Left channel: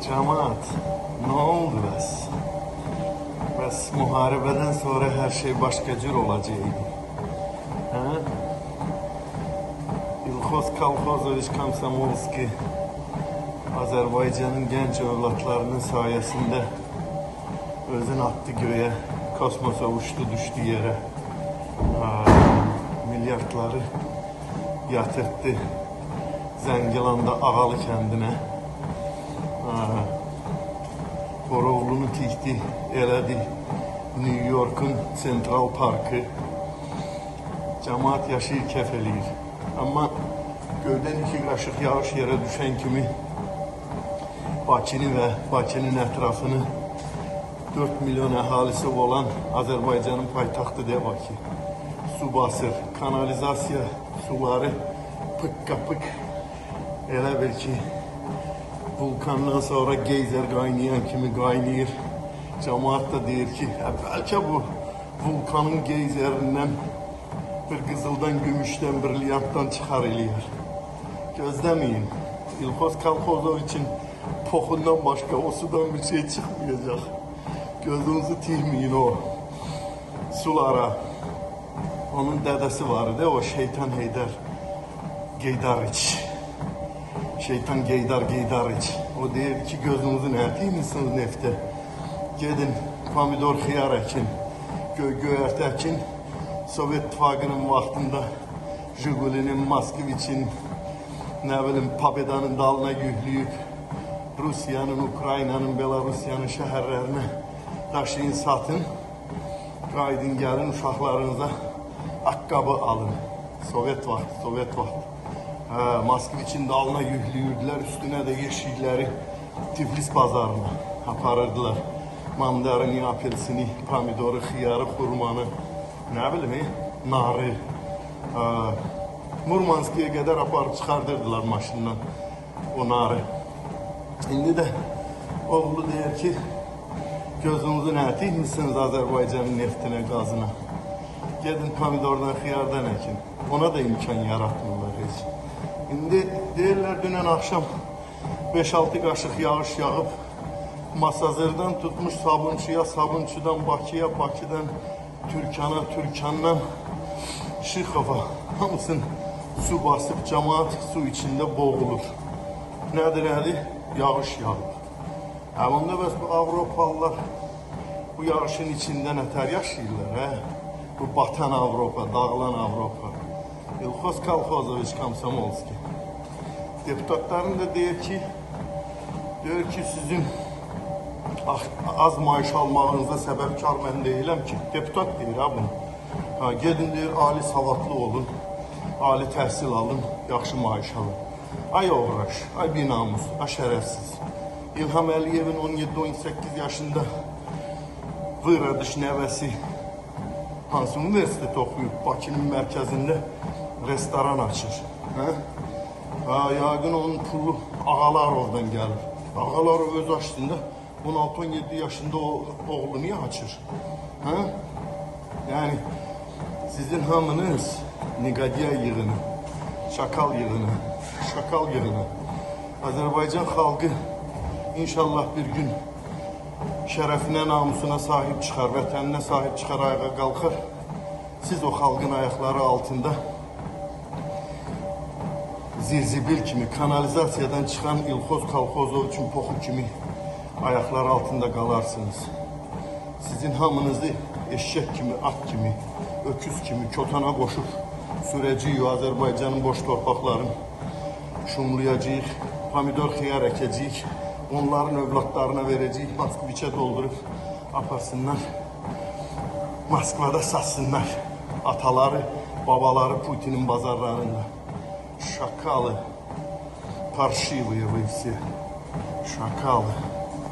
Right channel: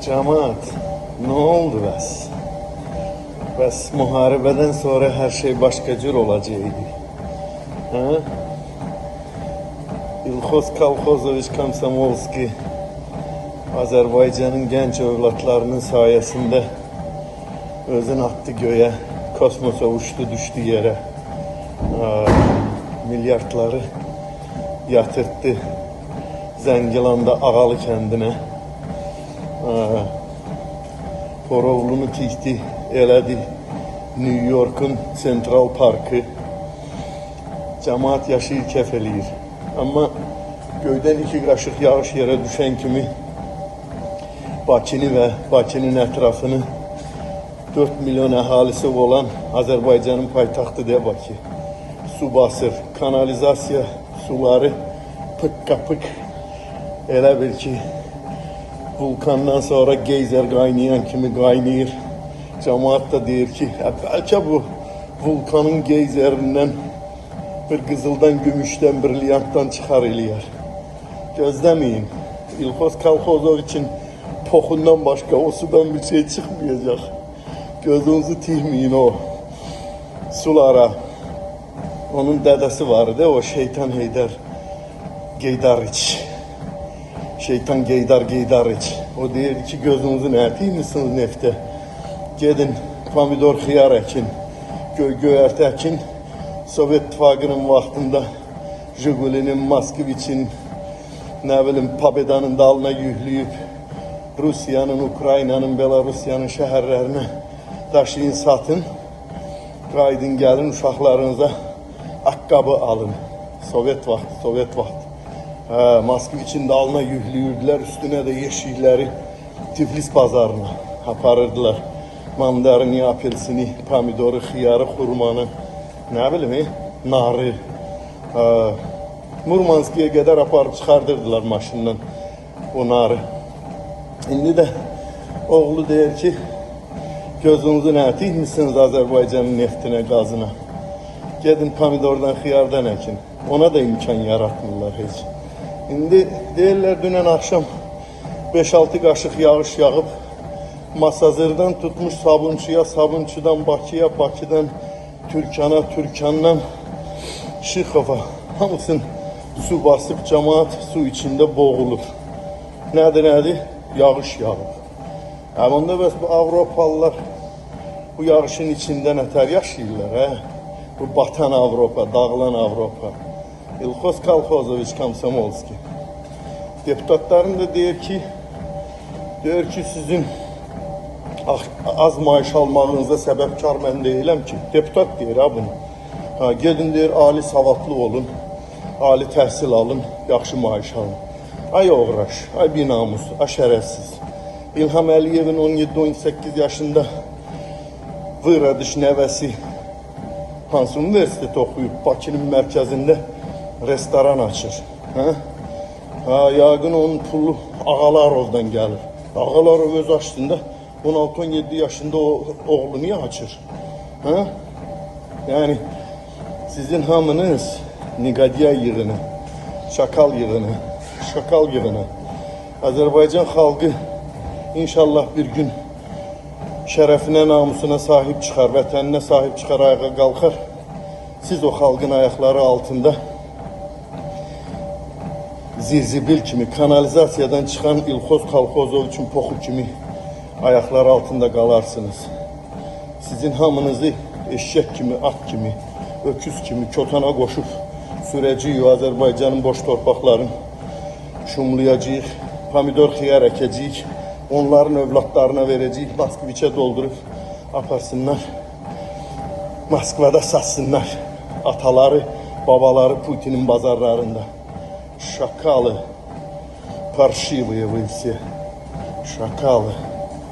Cemaat, ne oldu bəs? Bəs müharibeden sonra her şey başka cür olacaktı. Ha? İlxoz Kalxozoviç Komsomolski Azerbaycan'ın genç evlatlarının sayesinde özün attı göğe, kosmosa uçtu düştü yere. Milyardları yatırttı Zəngilan'da ağalı kendine. Horovlunu tikti, elədi New York'un Central Park'ı. Cemaat yaşayır, kefeliyir. Ama göyden iki kaşık yağış yere düşen kimi Bakını ve Bakının etrafını 4 milyon əhalisi olan Azerbaycan'ın paytaxtı de Bakı. Su basır, kanalizasyon suları pıkka pık. Elə bil ki vulkandan sonra geyzer kaynayan kimi kaynayır. Cemaat da deyir ki belki bu vulkanın geyzerinden bir kızıldan, gümüşten, brilyantdan çıkar eləyər. Gözlemeyin. İlxoz Kalxozoviç'in poxundan başka o sudan bir şey çıkmayacak. Gözünüzü tihmeyin o sulara. Onun dedesi vardı, o şeytan Heydar Geydariç. Şeytan Geydariç. O deyir ki gözünüzü nətiyim misiniz nefte? Gedin pomidor xiyar əkin, göyərti əkin. Sovyet İttifaqının vaxtında Jigulinin, Moskviçin, ne bileyim Pabedanın dalına yükləyib Rusiyanın, Ukraynanın, Belarusiyanın şəhərlərinə daşıyın, satın. Qaydın gəlin uşaqlarınıza ayakkabı alın. Sovyet vaxtı. Moskviçin dalına yüklüyürdülər, üstüne de yeşilləri Tiflis bazarına aparırdılar. Mandarini, apelsini, pomidoru, xiyarı, xurmanı, ne bileyim, narı. Murmanski'ye kadar aparıp çıkardırdılar maşından o narı. Şimdi de oğlu der ki gözünüzü nətiyik misiniz Azerbaycan'ın neftine, gazına? Gedin pomidordan, xiyardan əkin. Ona da imkan yaratmırlar heç. Şimdi deyirlər dünən akşam 5-6 kaşık yağış yağıb Masazırdan tutmuş Sabunçuya, Sabunçudan Bakıya, Bakıdan Türkan'a, Türkan'dan Şıxova. Hamısın su basıp cemaat su içinde boğulur. Nedir? Yağış yağıb. Onda bəs bu Avropalılar bu yağışın içinde nətər yaşayırlar, hə? Bu batan Avropa, dağılan Avropa. İlxoz Kalxozoviç Komsomolski. Deputatların da deyir ki sizin az maaş almağınıza səbəbkar mən deyiləm ki. Deputat deyir ha bunu. Gedin deyir ali savadlı olun, ali təhsil alın, yaxşı maaş alın. Ay oğraş, ay binamus, ay şərəfsiz. İlham Əliyevin 17-18 yaşında vıradış nəvəsi hansı üniversitet okuyup Bakı'nın merkezinde restoran açır. Yaqın onun pulu Ağalarov'dan gelir. Ağalarov öz açtığında 16-17 yaşında o oğlu niye açır? Yani sizin hamınız Nigadiya yığını, şakal yığını. Azerbaycan halkı inşallah bir gün şərəfinə, namusuna sahip çıxar, vətəninə sahip çıxar, ayağa qalxar. Siz o xalqın ayakları altında zirzibil kimi, kanalizasiyadan çıxan İlxoz Kalxozoviçin poxu kimi ayakları altında qalarsınız. Sizin hamınızı eşek kimi, at kimi, öküz kimi kötana qoşub sürəcəyik Azərbaycanın boş torpaqlarını şumlayacağıq, pomidor xiyar əkəcəyik. Onların evlatlarına vereceğiz, Moskviç'e doldurup aparsınlar. Moskvada satsınlar. Ataları, babaları Putin'in bazarlarında. Şakalı, parşivые вы все. Şakalı.